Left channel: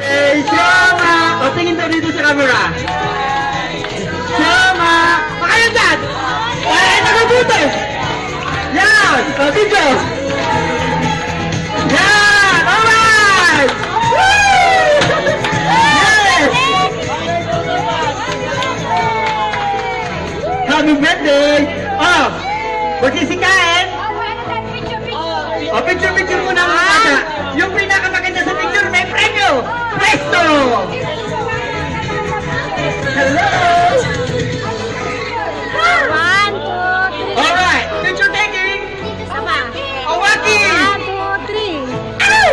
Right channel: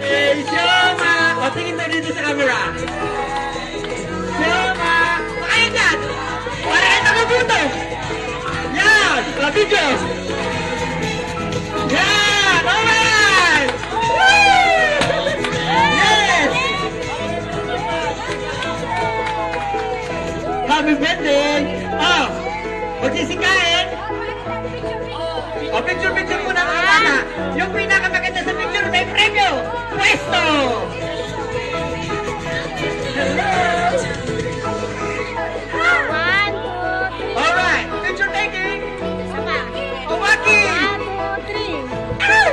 Hey, Shoma! O, tingin daw dito sa camera. Shoma! Pakalan dyan! Ay, nakabuto! Yan! O, video! Yan! Alright! Yes! Happy birthday! Oh! Magsisikain! O, picture muna ang mga. Yung pinakamaganda sa picture may premyo! Presto! Hello! 1, 2, 3. Alright, picture taking! Sama. Awaki! 1, 2, 3. Ow!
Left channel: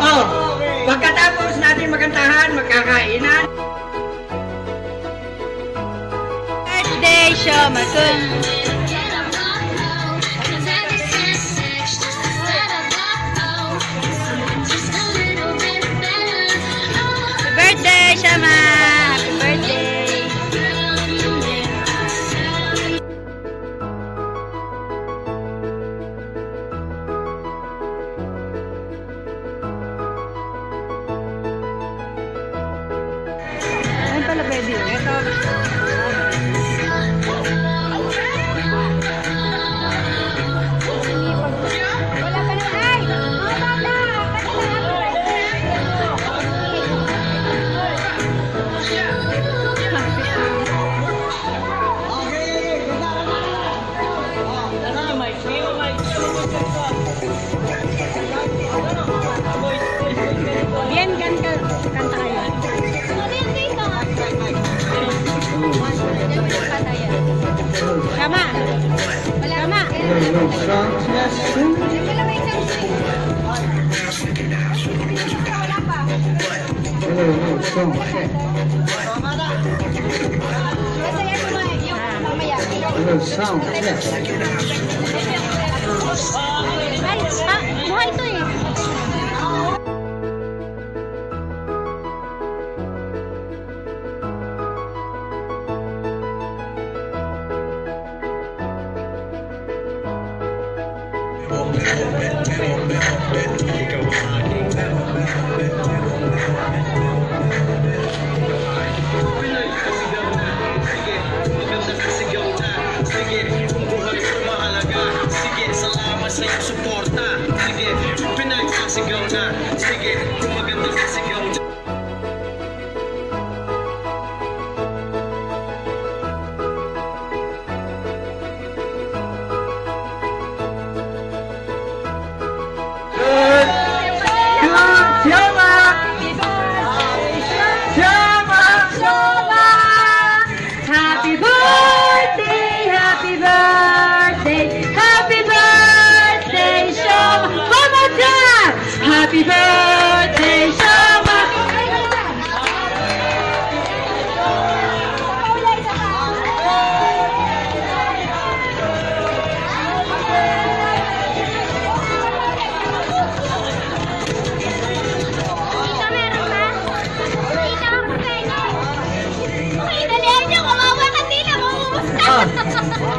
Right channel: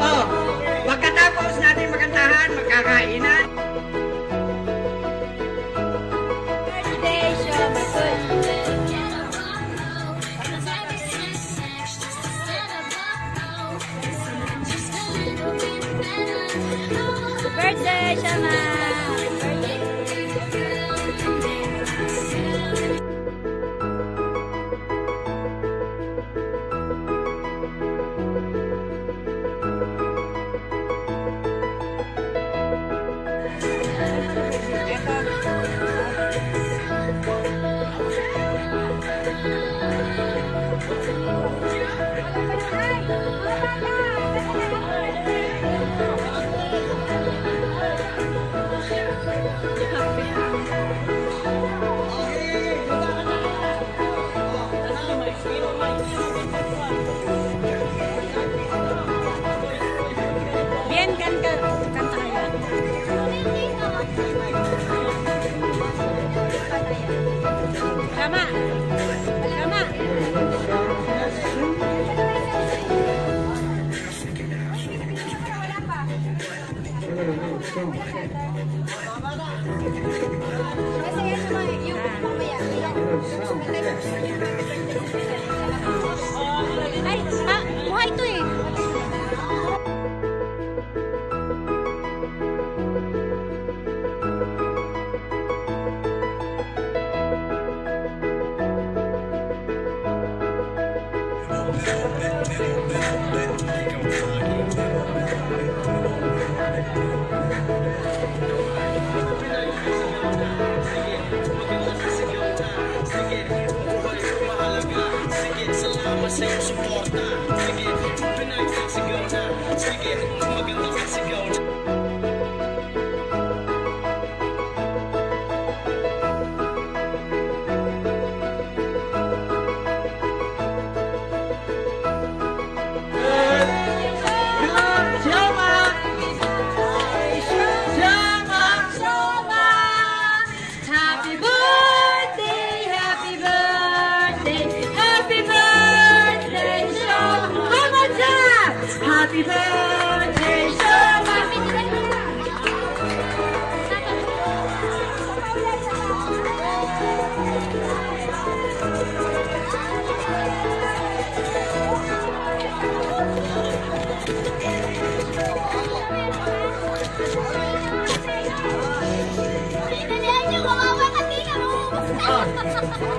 Oh, pagkatapos natin magantahan, magkakainan. Birthday, Shoma-kun. Birthday, Shoma! Happy birthday! Ay pala, baby. Ito. Wala pa rin. Ay! Yan, kanta kayo. Sama. Sama. Ay, buhay ito eh. Sige, salamat sa iyong suporta. Sige, pinagkasigaw na. Sige, kung maganda kasigaw na. Shoma! Shoma! Happy birthday, happy birthday, happy birthday, Shoma! Mama Dad! Happy birthday, Shoma!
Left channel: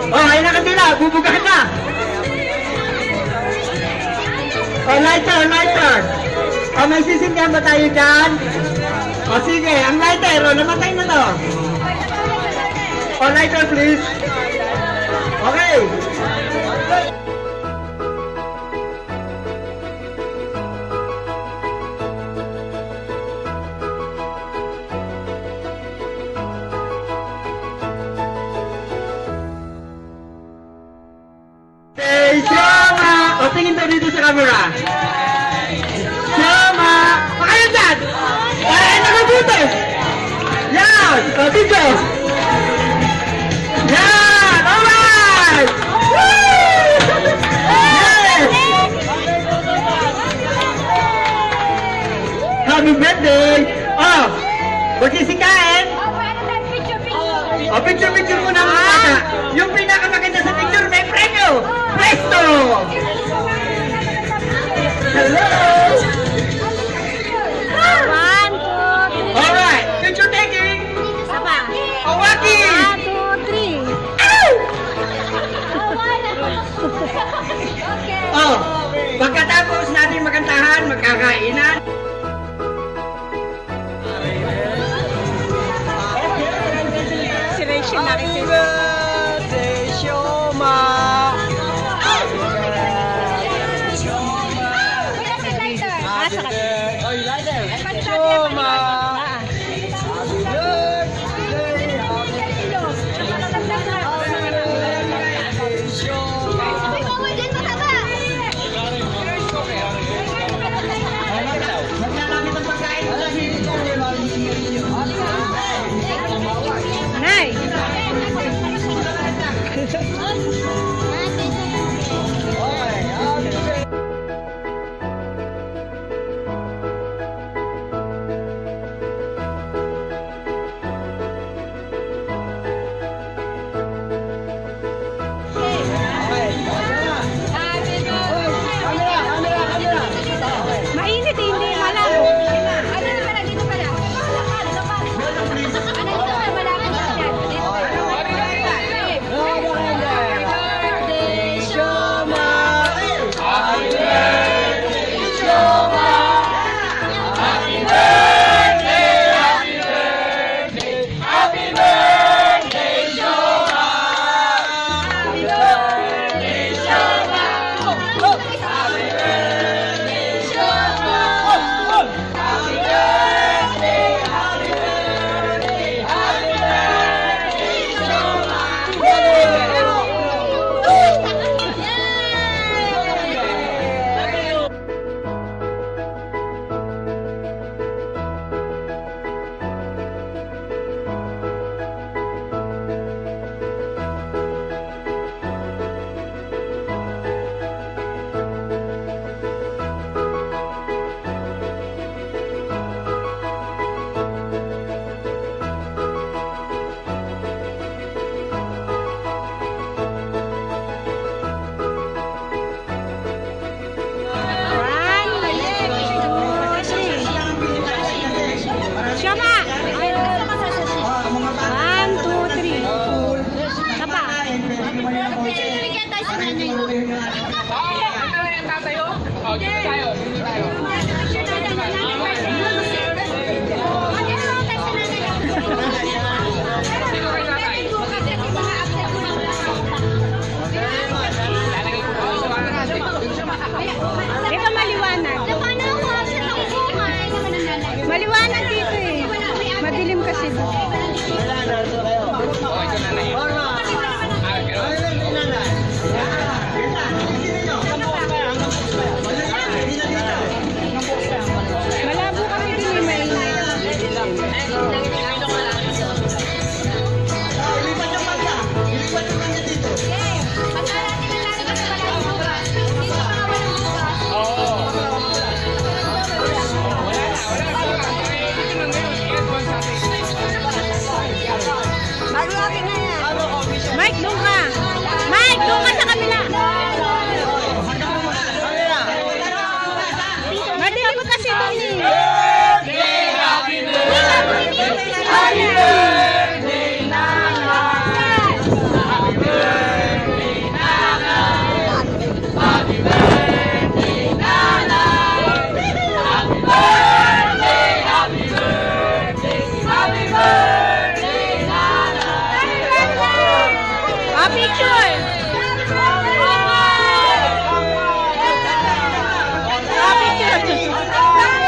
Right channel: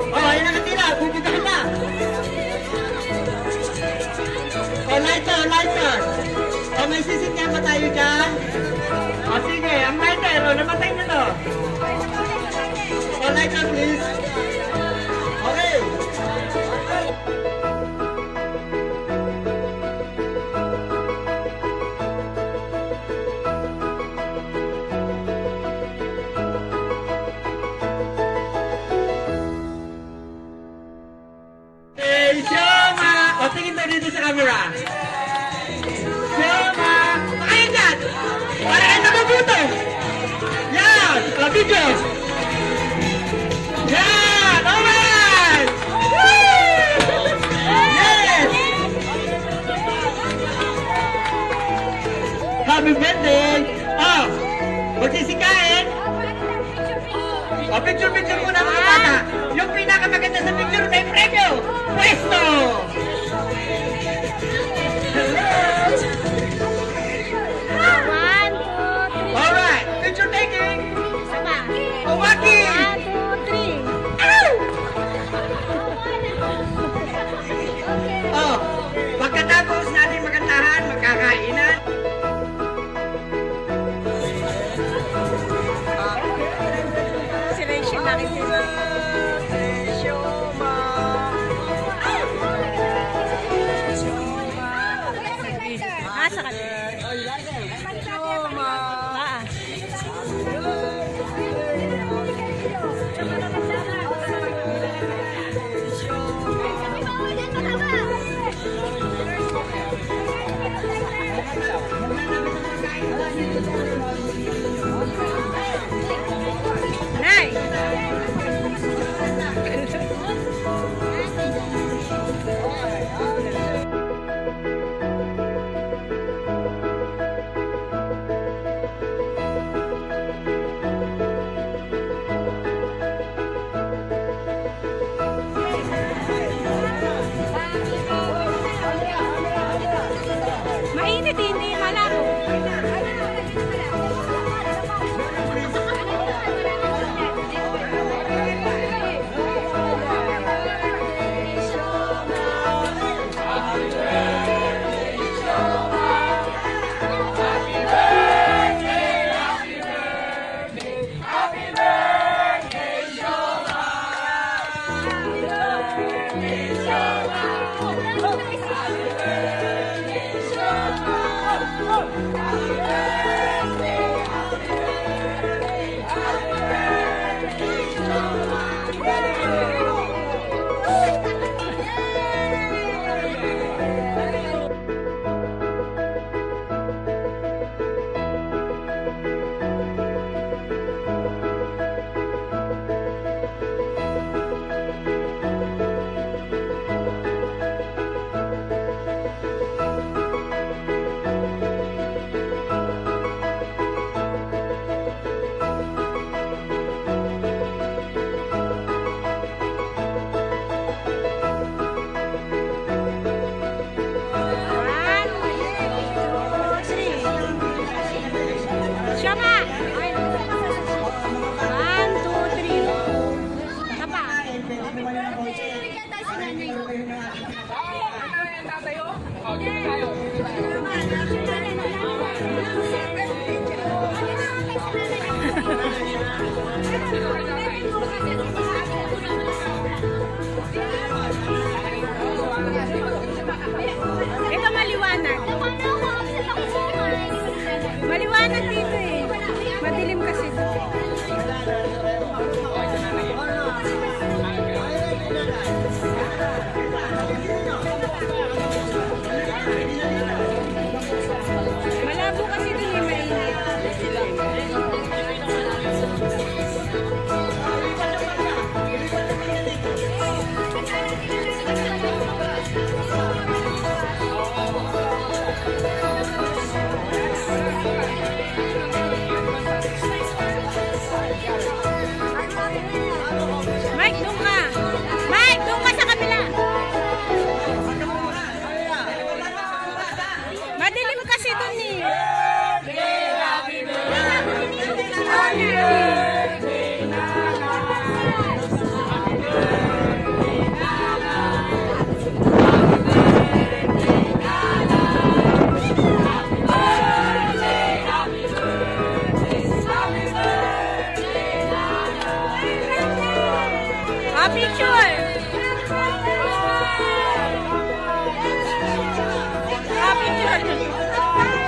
Oh, ayun na katila, bubugahan na. Oh, lighter. Oh, may sisindihan ba tayo dyan? Oh, sige, ang lighter, oh, namatay na to. Oh, lighter please. Okay. Hey, Shoma! O, tingin daw dito sa camera. Shoma! Pakalan dyan! Ay, nakabuto! Yan! O, video! Yan! Alright! Yes! Happy birthday! Oh! Magsisikain! O, picture muna ang mga. Yung pinakamaganda sa picture may premyo! Presto! Hello! 1, 2, 3. Alright, picture taking! Sama. Awaki! 1, 2, 3. Ow! Oh, pagkatapos natin magantahan, magkakainan. Si Rachel nakikita. Ah, sa kanila. Maglalapit ang pagkain. Nay! Mainit, hindi malabo. Ano na pala? Dito pala. Ano dito pala? Malabo siya dyan. Dito pala. Happy birthday, Shoma. Happy birthday, Shoma. Happy birthday, happy birthday. Happy birthday, Shoma. Happy birthday, Shoma. Happy birthday, Shoma. Happy birthday, happy birthday, happy birthday, Shoma. Shoma! 1, 2, 3. Tapa. Picture na bigyan tayo sa nanay. Ito maliwanag. Maliwanag dito eh. Madilim kasi dito. Malabo kasi dito eh, mainit. Mike, doon ka. Mike, doon ka sa kabila. Madilim kasi doon eh. Ah, picture. Ah, picture.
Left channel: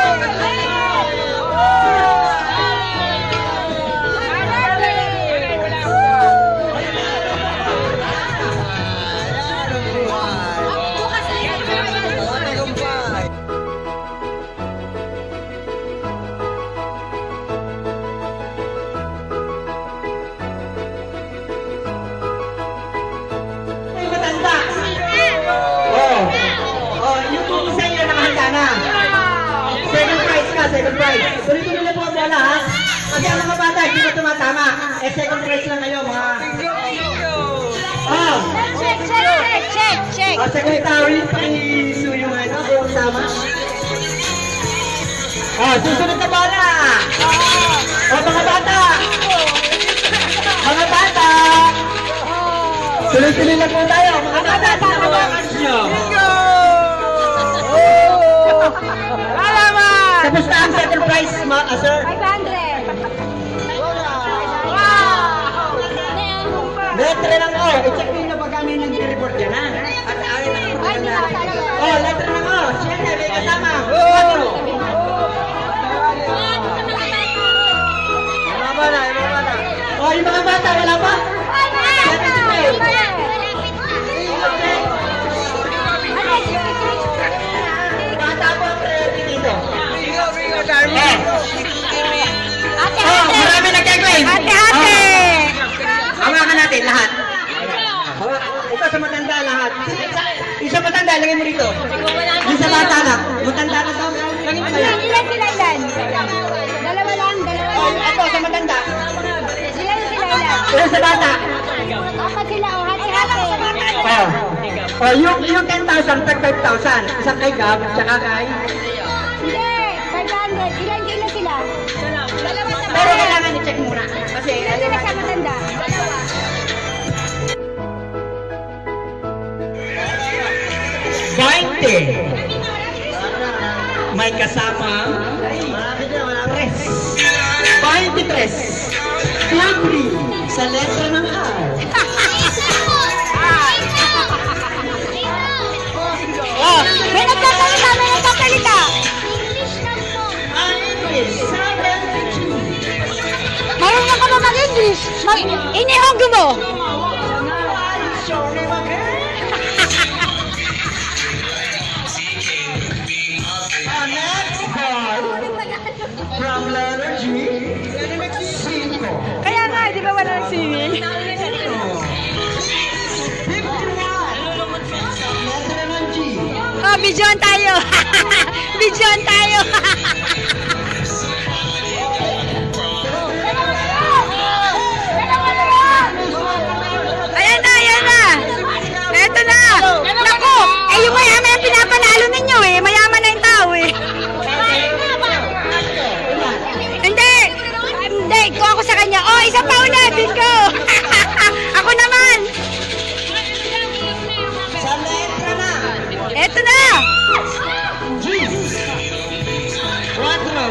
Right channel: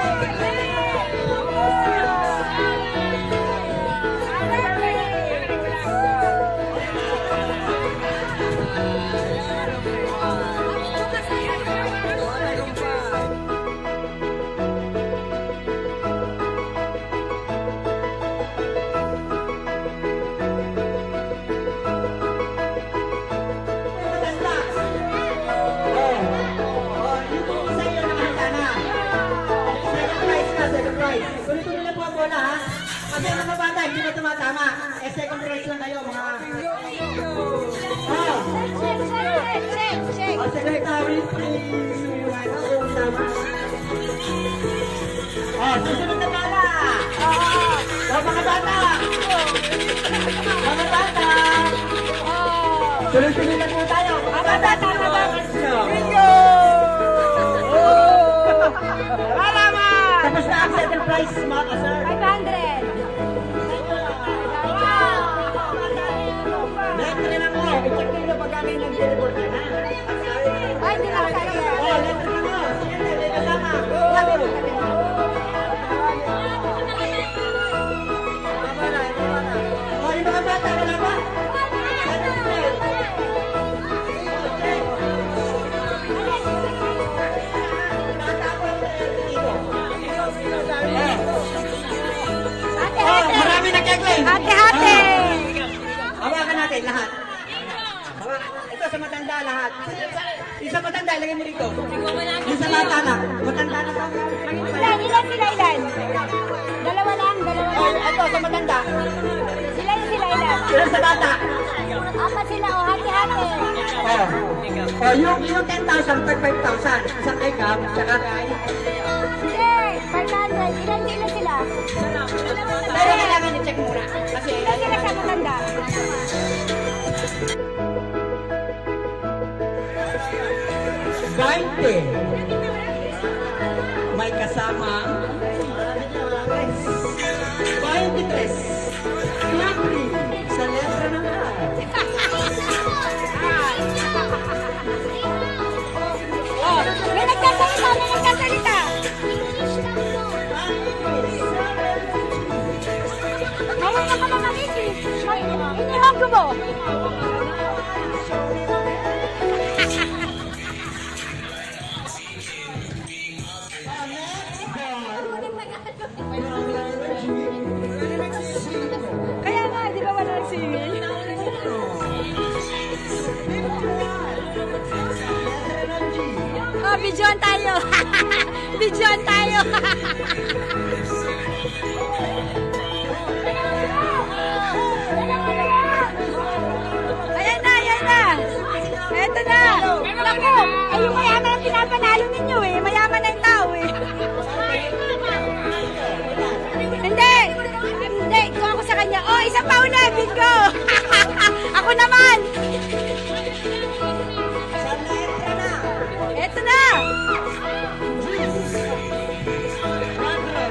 Matanda. Oh, yung kung isa nyo nakahanda na. Second prize ka, second prize. Tuloy-tuloy lang po ang bola, ha? Kasi ang mga bata, hindi na tumatama. Eh, second prize lang kayo, mga... Oh, Check. secretary, pakisuyo nga ito. Kung tama. Oh, susunod na bola. Oh, mga bata. Mga bata. Tuloy-tuloy lang po tayo. Mga bata, price, sir? 500. Letra ng O. I-check nyo na pag kami nag-report yan, ha? Oh, letra ng O. Siyempre, may kasama. 4. Oh, yung mga bata, wala ba? Bata po ang priority dito. Oh, marami nagkagawin. Ate! Hawakan natin lahat. Ito sa matanda lahat. Yung sa matanda, lagay mo dito. Yung sa bata lang. Matanda na to. Lagay mo Ilan lang. sila ilan? Dalawa lang, dalawa Oh, lang. ito sa matanda. Ilan sila ilan? Yung sa bata. Ako sila, oh, hati-hati. Oh. Oh, yung 10,000, tag 5,000. Isang kay Gab, tsaka kay... Hindi, 500. Ilan kilo sila? Pero kailangan i-check muna. Kasi Ilan sila sa matanda? 20. May kasama 23. Libre sa letra ng R. Oh, may nagsasalita, may nagsasalita. Ang English, 72. Marunong ka ba mag-English? Inihog mo. Next card from letter G. Cinco. Kaya nga, di ba wala nang singing? 51. Letra ng G. Oh, bidyon tayo. Bidyon tayo. Ayan na, ayan na. Eto na. Naku, yung mayaman yung pinapanalo ninyo eh. Mayaman na yung tao eh. Hindi. Hindi, ko ako sa kanya. Oh, isa pa ulit. Bingo. Ako naman. Sa letra na Eto na. G. 4.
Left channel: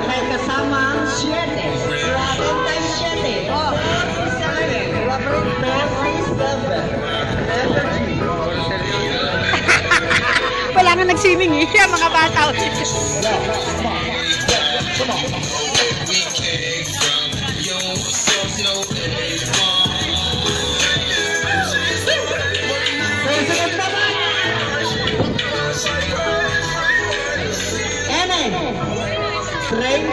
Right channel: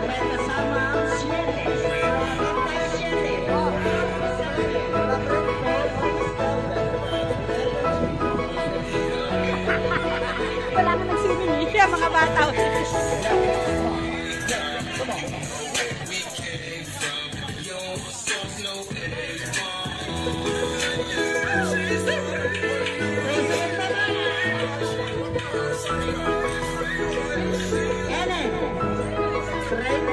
May kasama 7. 7 times 7. 47. Letter G. Wala nga nag-swimming eh. Yung mga bata. N. 30.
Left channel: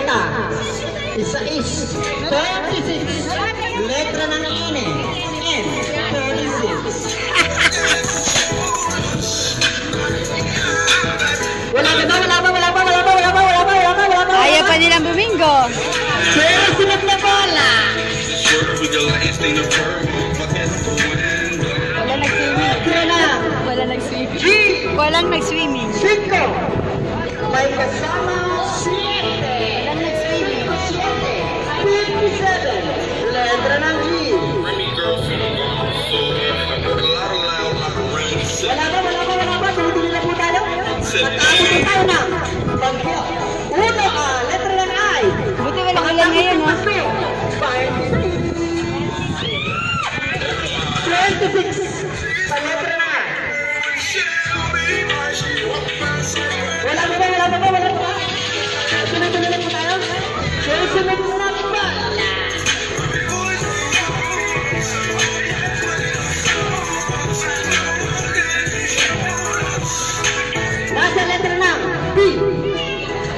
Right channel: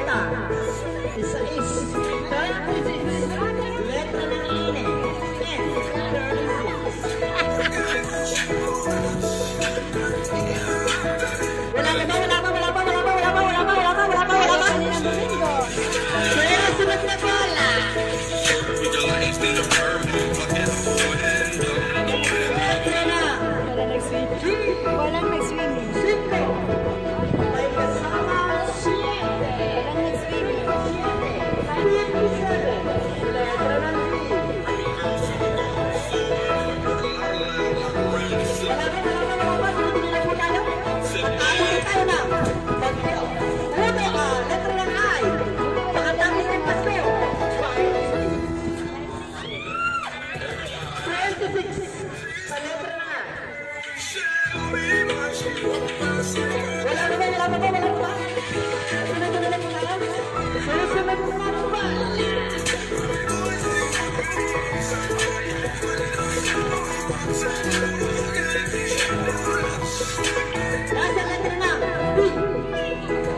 Isa is 36. Letra ng N. N. 36. Wala ka ba? Wala ba? Wala ba? Wala ba? Wala ba? Wala ba? Wala ba? Wala ba? Ayaw pa nilang bumingo. Pero sunod na bola. We the last thing to burn. My best friend. Letra na Wala nag-swimming. G. Walang nag-swimming. 5. May kasama 7. Walang nag-swimming. 57. Letra ng G. Wala ba? Wala ba? Wala ba? Tuloy-tuloy na po tayo. Pagkakabot tayo na. Bagyo. Uno ka. Letra ng I. Buti walang ulan ngayon, no? 26. Sa letra ng I. Wala ba? Wala ba? Wala ba? Tuloy-tuloy na po tayo. Susunod na ba? Nasa letra ng B.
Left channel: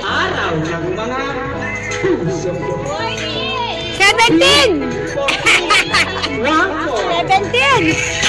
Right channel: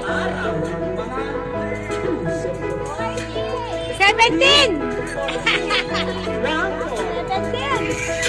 Araw ng mga puso. 17! 1, 4. 17!